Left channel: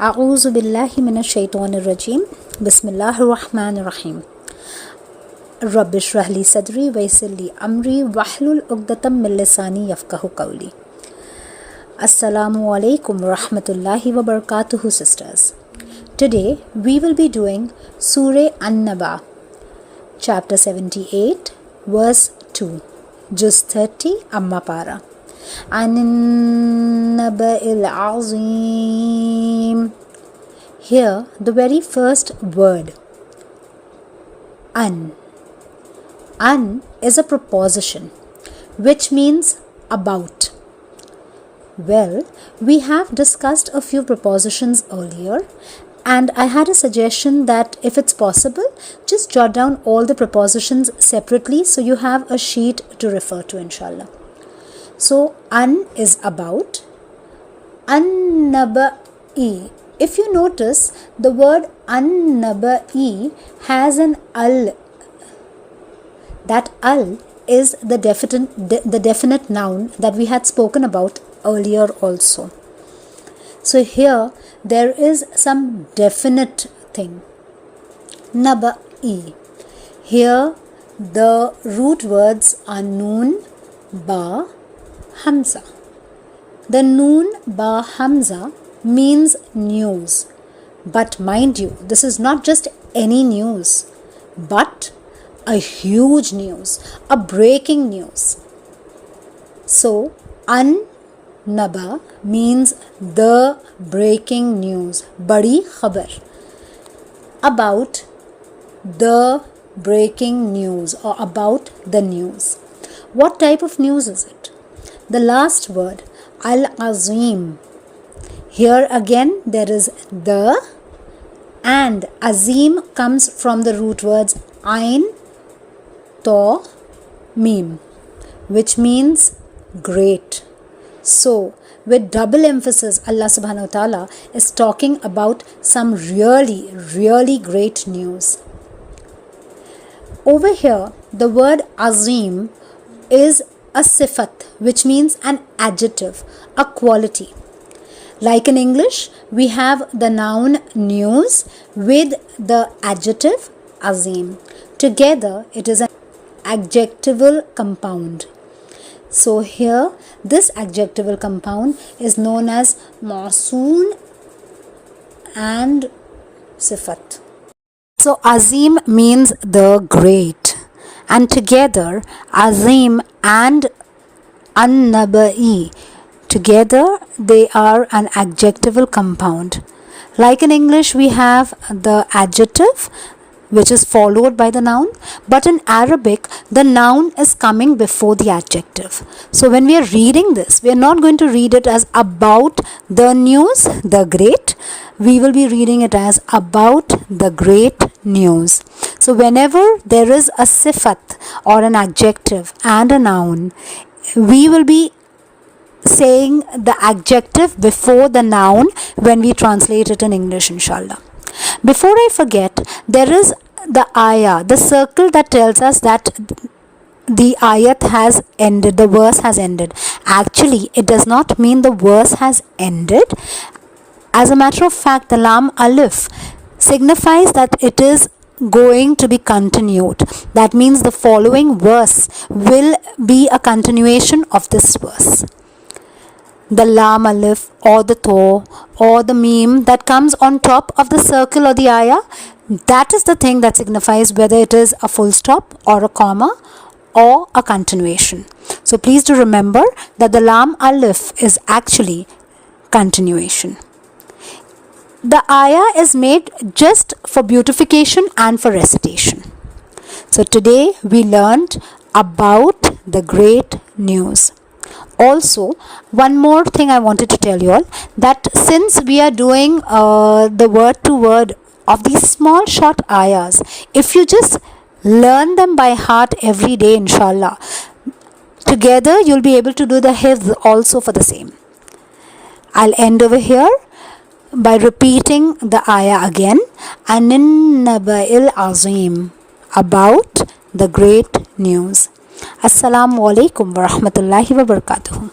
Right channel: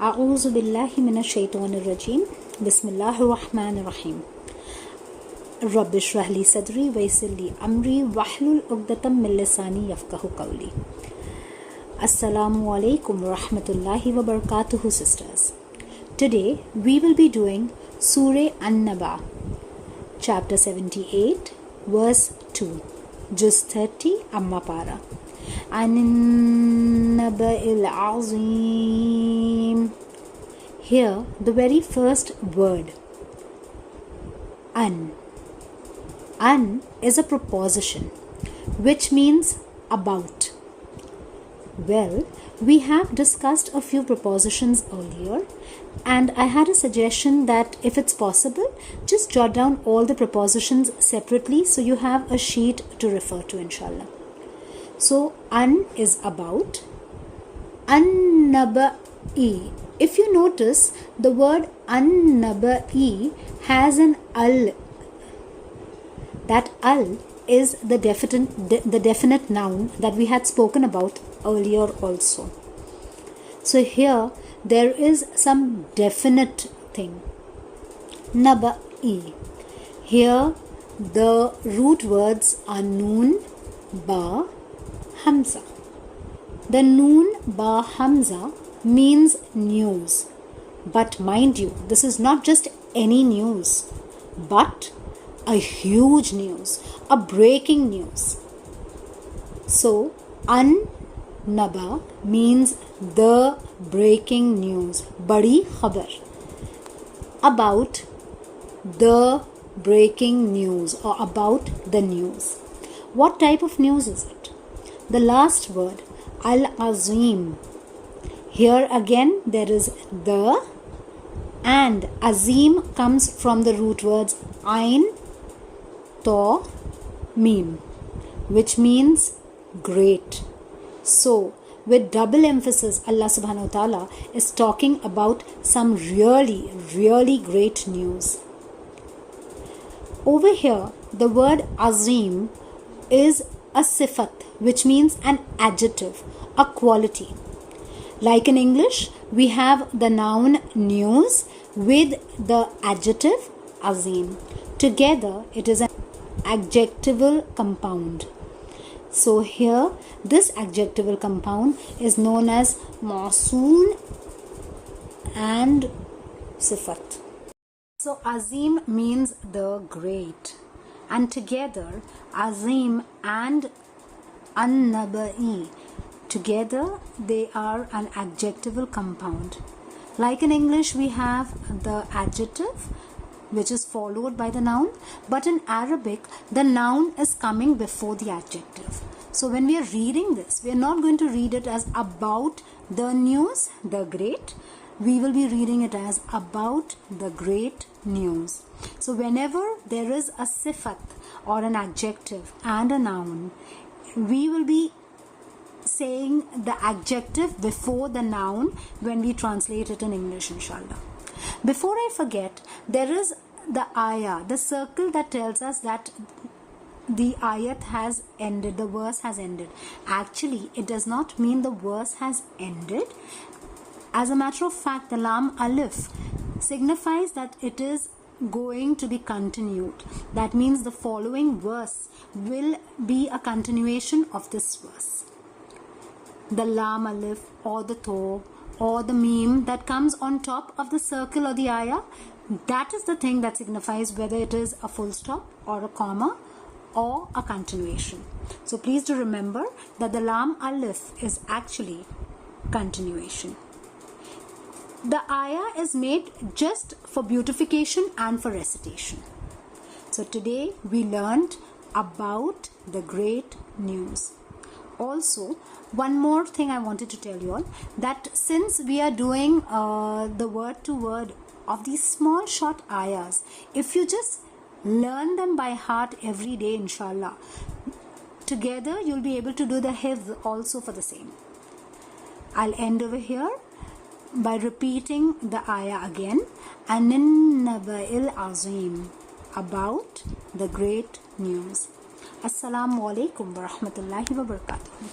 أعوذ بالله من الشيطان الرجيم بسم الله الرحمن الرحيم رب اشرح لي صدري ويسر لي أمري واحلل عقدة من لساني يفقهوا قولي. Assalamu alaikum warahmatullahi wabarakatuh, sisters. Today we will be doing Surah An-Naba, chapter 78, verse 2, Juz 30 Amma para. An Ayah A. Here the very first word, an. An is a preposition which means about. Well, we have discussed a few prepositions earlier, and I had a suggestion that if it's possible, just jot down all the prepositions separately so you have a sheet to refer to, inshallah. So, an is about. An Naba A. If you notice, the word An Naba A has an al. That al is the definite noun that we had spoken about earlier also. So here there is some definite thing. Naba E. Here the root words are noon, ba, hamza. The noon, ba, hamza means news. But mind you, this is not just any news, but a huge news, a breaking news. So, an Naba means the breaking news, badi khabar, about the breaking news or about the news. What type of news is it? The last word, al-azim. Here again there is the, and azim comes from the root words ain, to, mim, which means great. So, with double emphasis, Allah subhanahu wa ta'ala is talking about some really, really great news. Over here, the word azim is a sifat, which means an adjective, a quality. Like in English, we have the noun news with the adjective azim. Together, it is an adjectival compound. So here, this adjectival compound is known as mausoon and sifat. So azim means the great, and together azim and an-naba'i, together they are an adjectival compound. Like in English, we have the adjective which is followed by the noun, but in Arabic the noun is coming before the adjective. So when we are reading this, we are not going to read it as about the news, the great. We will be reading it as about the great news. So whenever there is a sifat or an adjective and a noun, we will be saying the adjective before the noun when we translate it in English, inshallah. Before I forget, there is the ayah, the circle that tells us that the ayat has ended, the verse has ended. Actually, it does not mean the verse has ended. As a matter of fact, the lam alif signifies that it is going to be continued. That means the following verse will be a continuation of this verse. The lam alif or the to or the meme that comes on top of the circle or the ayah, that is the thing that signifies whether it is a full stop or a comma or a continuation. So please do remember that the lam alif is actually continuation. The ayah is made just for beautification and for recitation. So today we learned about the great news. Also, one more thing I wanted to tell you all, that since we are doing the word to word of these small short ayahs, if you just learn them by heart every day, inshallah, together you'll be able to do the hifdh also for the same. I'll end over here by repeating the ayah again. An Naba'il Azim, about the great news. Assalamu alaikum wa rahmatullahi wa barakatuh.